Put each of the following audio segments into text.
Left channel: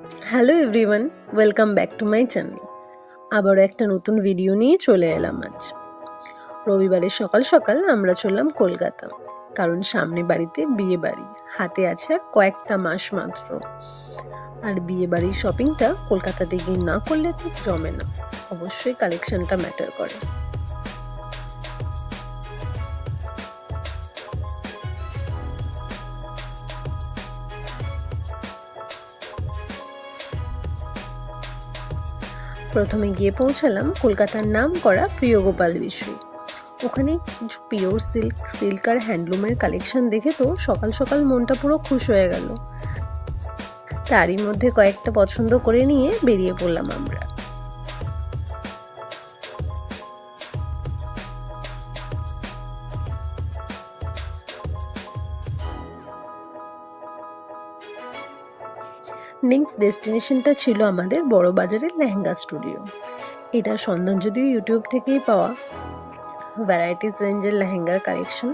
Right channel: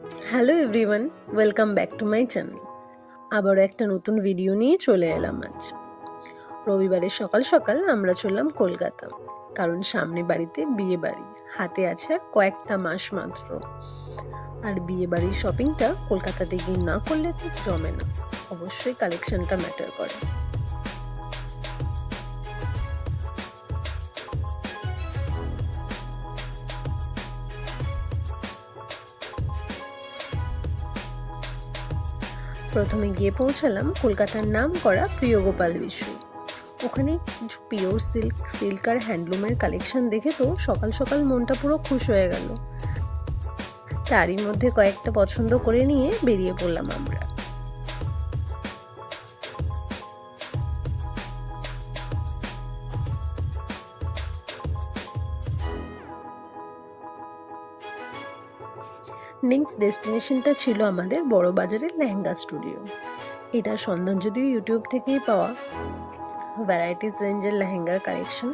Hello everyone, welcome back to my channel. আবারও একটা নতুন ভিডিও নিয়ে চলে এলাম আজ। রবিবারের সকাল সকাল আমরা চললাম কলকাতা, কারণ সামনে বাড়িতে বিয়ে বাড়ি, হাতে আছে আর কয়েকটা মাস মাত্র। আর বিয়ে বাড়ির শপিংটা কলকাতাতে গিয়ে না করলে ঠিক জমে না, অবশ্যই কালেকশনটা ম্যাটার করে। প্রথমে গিয়ে পৌঁছালাম কলকাতার নাম করা প্রিয়গোপাল বিশ্বই। ওখানে কিছু পিওর সিল্ক আর হ্যান্ডলুমের কালেকশন দেখে তো সকাল সকাল মনটা পুরো খুশ হয়ে গেল। তারই মধ্যে কয়েকটা পছন্দ করে নিয়ে বেরিয়ে পড়লাম আমরা। নেক্সট ডেস্টিনেশনটা ছিল আমাদের বড় বাজারের লেহেঙ্গা স্টুডিও। এটার সন্ধান যদিও ইউটিউব থেকেই পাওয়া, ভ্যারাইটিস রেঞ্জের লেহেঙ্গার কালেকশন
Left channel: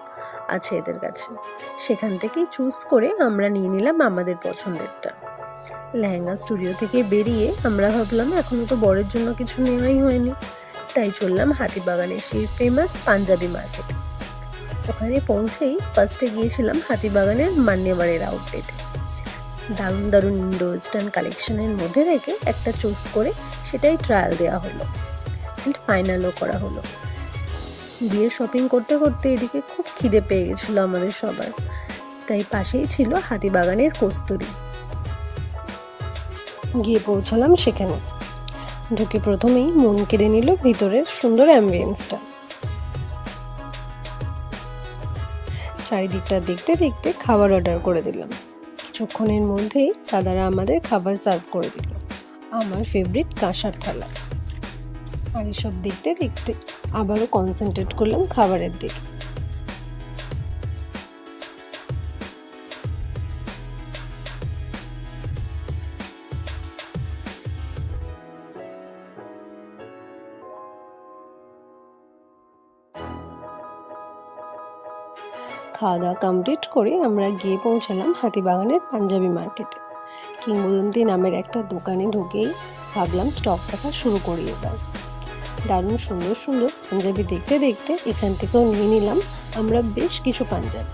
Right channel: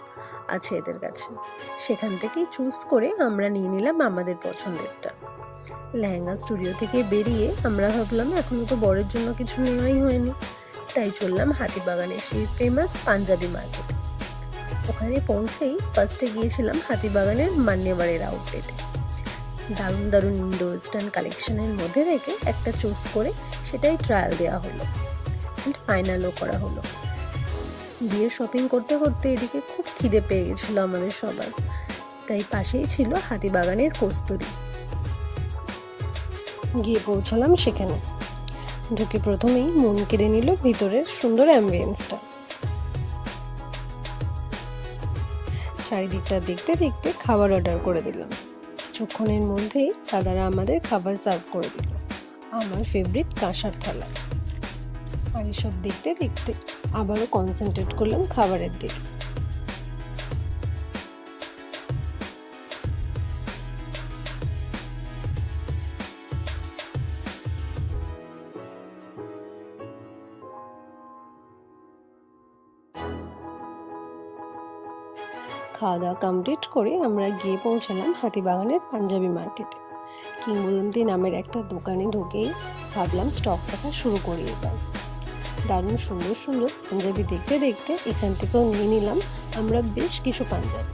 আছে এদের কাছে। সেখান থেকেই চুজ করে আমরা নিয়ে নিলাম আমাদের পছন্দেরটা। লেহেঙ্গা স্টুডিও থেকে বেরিয়ে আমরা ভাবলাম এখনো তো বরের জন্য কিছু নেওয়াই হয়নি, তাই চললাম হাতিবাগানের সেই ফেমাস পাঞ্জাবি মার্কেট। ওখানে পৌঁছেই ফার্স্টে গিয়েছিলাম হাতিবাগানের মান্যেমারের আউটলেটে। দারুণ দারুণ ইন্ডো ওয়েস্টার্ন কালেকশনের মধ্যে থেকে একটা চুজ করে সেটাই ট্রায়াল দেওয়া হলো, অ্যান্ড ফাইনালও করা হলো। গিয়ে শপিং করতে করতে এদিকে খুব খিদে পেয়ে গেছিল আমাদের সবার, তাই পাশেই ছিল হাতিবাগানের কস্তুরি। গিয়ে পৌঁছালাম সেখানে। ঢুকে প্রথমেই মন কেড়ে নিল ভিতরের সুন্দর অ্যাম্বিয়েন্সটা। চারিদিকটা দেখতে দেখতে খাবার অর্ডার করে দিলাম। কিছুক্ষণের মধ্যেই দাদারা আমাদের খাবার সার্ভ করে দিল, আমার ফেভারিট কাঁসার থালা। আর এসব দেখতে দেখতে আবারও কনসেন্ট্রেট করলাম খাবারের দিকে। খাওয়া দাওয়া কমপ্লিট করে আমরা গিয়ে পৌঁছালাম হাতিবাগানের পাঞ্জাবি মার্কেটে। কিংবদন্তি নামের একটা দোকানে ঢুকেই ভাবলাম স্টক রাখা শুরু করি এবার। দারুণ সুন্দর সুন্দর পাঞ্জাবি দেখতে দেখতে এখান থেকেও নিয়ে নিলাম আমরা বেশ কিছু পাঞ্জাবি।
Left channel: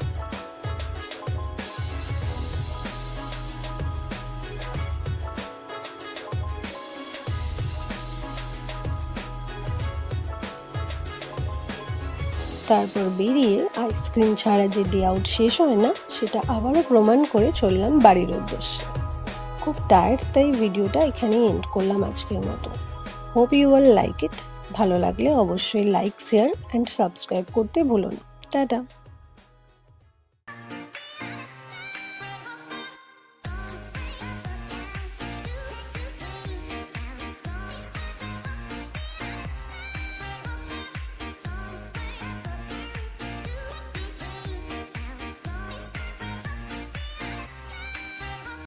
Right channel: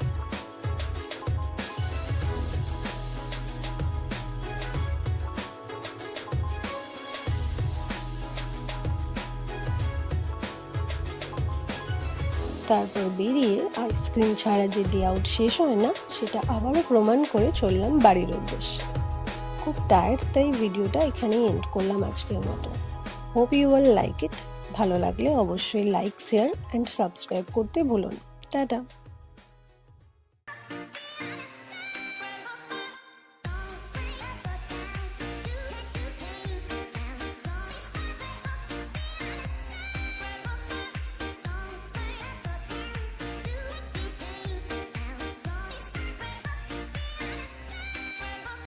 তারপর বেরিয়ে আইসক্রিম ছাড়া যে ডে আউট শেষ হয় না, সেটা আবারও প্রমাণ করে চললাম বাড়ির উদ্দেশ্যে। খুব টায়ার্ড, তাই ভিডিওটা এখানেই এন্ড করলাম আজকের মতো। Hope you all like it. ভালো লাগলে অবশ্যই লাইক, শেয়ার অ্যান্ড সাবস্ক্রাইব করতে ভুলো না। টাটা।